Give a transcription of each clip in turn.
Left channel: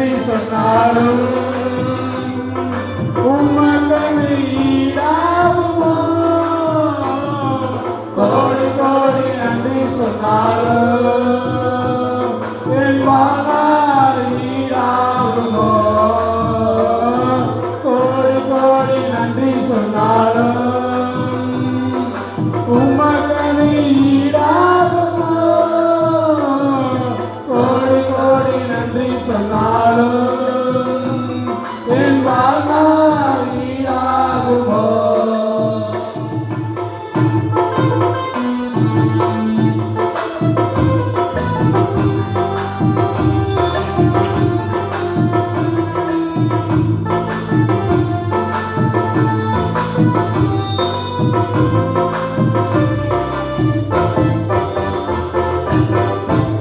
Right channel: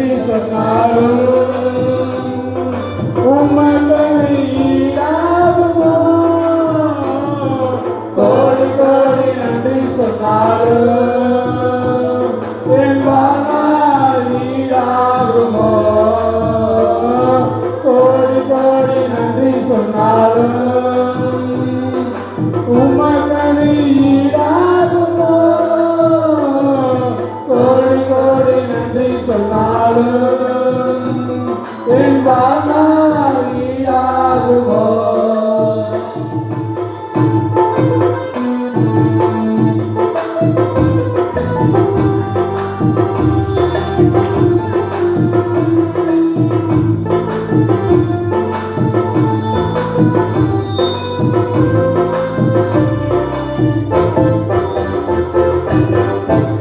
நன்றி சொன்னாலும் உமக்கு ஈடாகுமோ? கோடி கோடி நன்றி சொன்னாலும் என் வாழ்நாள் ஈடாகுமோ? கோடி கோடி நன்றி சொன்னாலும் உமக்கு ஈடாகுமோ? கோடி கோடி நன்றி சொன்னாலும் என் வாழ்நாள் ஈடாகுமோ?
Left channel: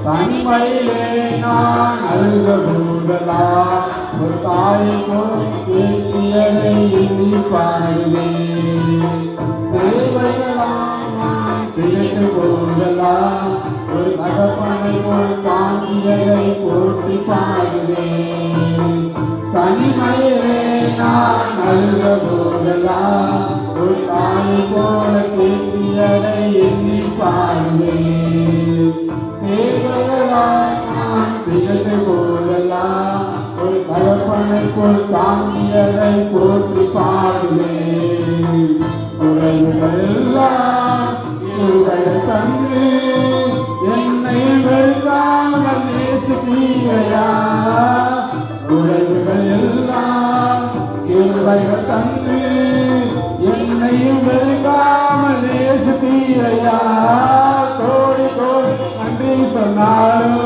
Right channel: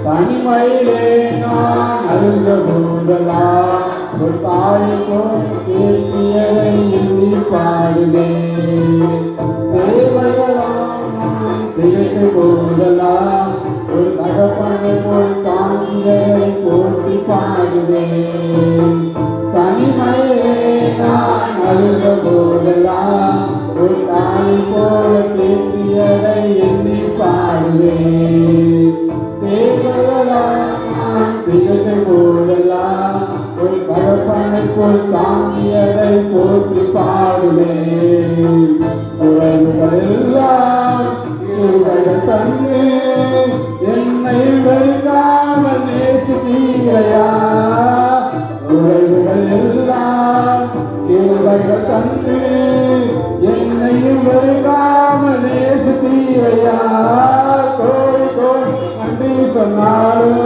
தனிமையிலே நான் அழுத போதெல்லாம் ஒரு தாய்க்கும் பேச்சியதை எண்ணி பாடுவேன். தேவையெல்லாம் நான் கேட்கும் போதெல்லாம் ஒரு தகப்பனை போல் தாங்கியதை போற்றி பாடுவேன். தனிமையிலே நான் அழுத போதெல்லாம் ஒரு தாய் போல பேச்சியதை எண்ணி பாடுவேன். போதெல்லாம் ஒரு தகப்பனை போல் தாங்கியதை போற்றி பாடுவேன். உறவுகள் எல்லாம் இருவரை தந்து என்னை வெறுக்காமல் நேசித்தீரையா? உறவுகள் எல்லாம் இருவரைகள் தந்து என்னையும் வெறுக்காமல் நேசித்தீரையா? கோடி கோடி நன்றி சொன்னாலும்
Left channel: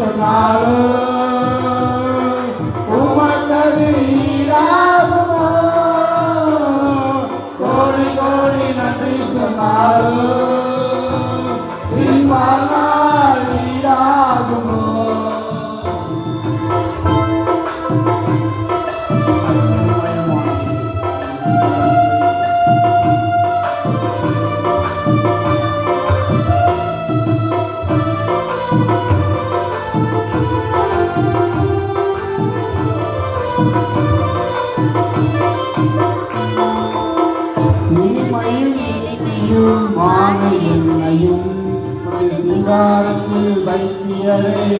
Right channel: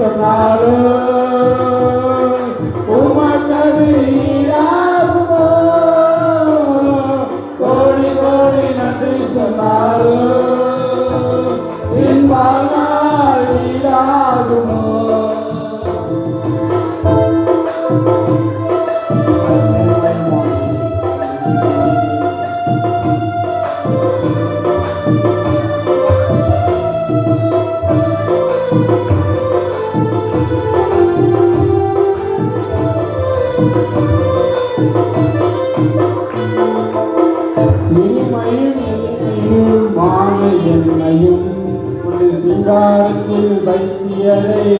சொன்னாலும்